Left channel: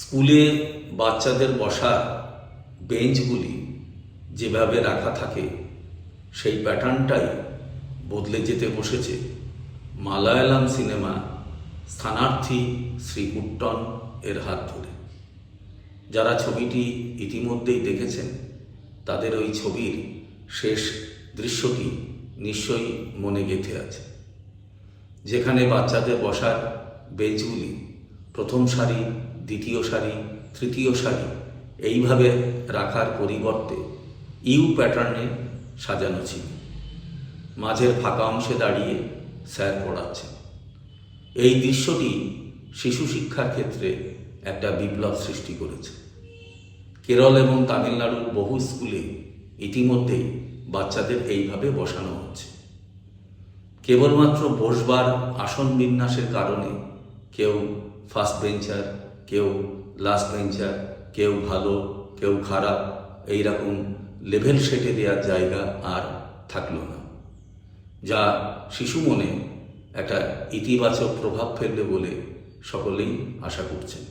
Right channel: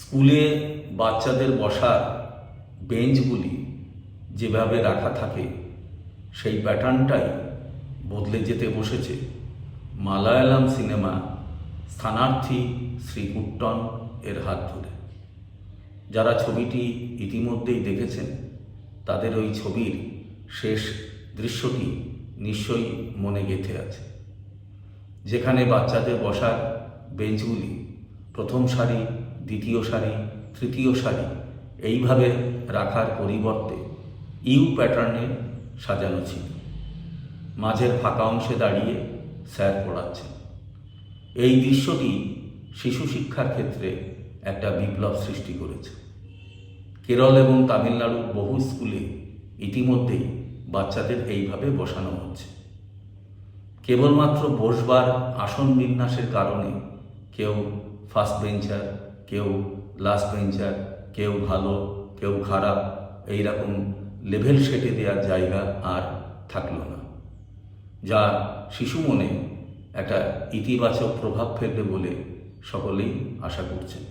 স্কুলে বাচ্চাদের বসার বেঞ্চগুলি যেভাবে রাখা থাকে সেই প্যাটার্নটাই বদলে যেতে বসেছে মালায়ালাম সিনেমা স্থানার্থী শ্রী কুট্টন এর হাত ধরে। যারা ছবিটি ইতিমধ্যেই দেখেছেন তাদের ওই ছবির শেষ দৃশ্যটি নিশ্চয়ই মনে গেঁথে আছে, যেখানে বাচ্চাদের বসার বেঞ্চগুলি প্রথম সারি, দ্বিতীয় সারি, তৃতীয় সারি এইভাবে রাখার পরিবর্তে ইউ প্যাটার্নে সাজানো ছিল। মাঝের ফাঁকা অংশে দাঁড়িয়ে স্যার পড়াচ্ছেন। এই দৃশ্যটি শিশু শিক্ষার ক্ষেত্রে একটা বিপ্লব সৃষ্টি করেছে। কেরল এবং তামিলনাড়ুর বহু স্কুলে ইতিমধ্যেই বাচ্চাদের এইভাবে বসানো হচ্ছে। কেবলমাত্র বসবার আসন বিন্যাসের কারণে কেউ ফার্স্ট বেঞ্চার, কেউ লাস্ট বেঞ্চার, কেউ ভালো, কেউ খারাপ, এইরকম লেভেল সেটে দেওয়ার জায়গা আর থাকলো না, যা শিশু মনে একটা ইতিবাচক প্রভাব ফেলবে বলে সকলেই আশা করছেন।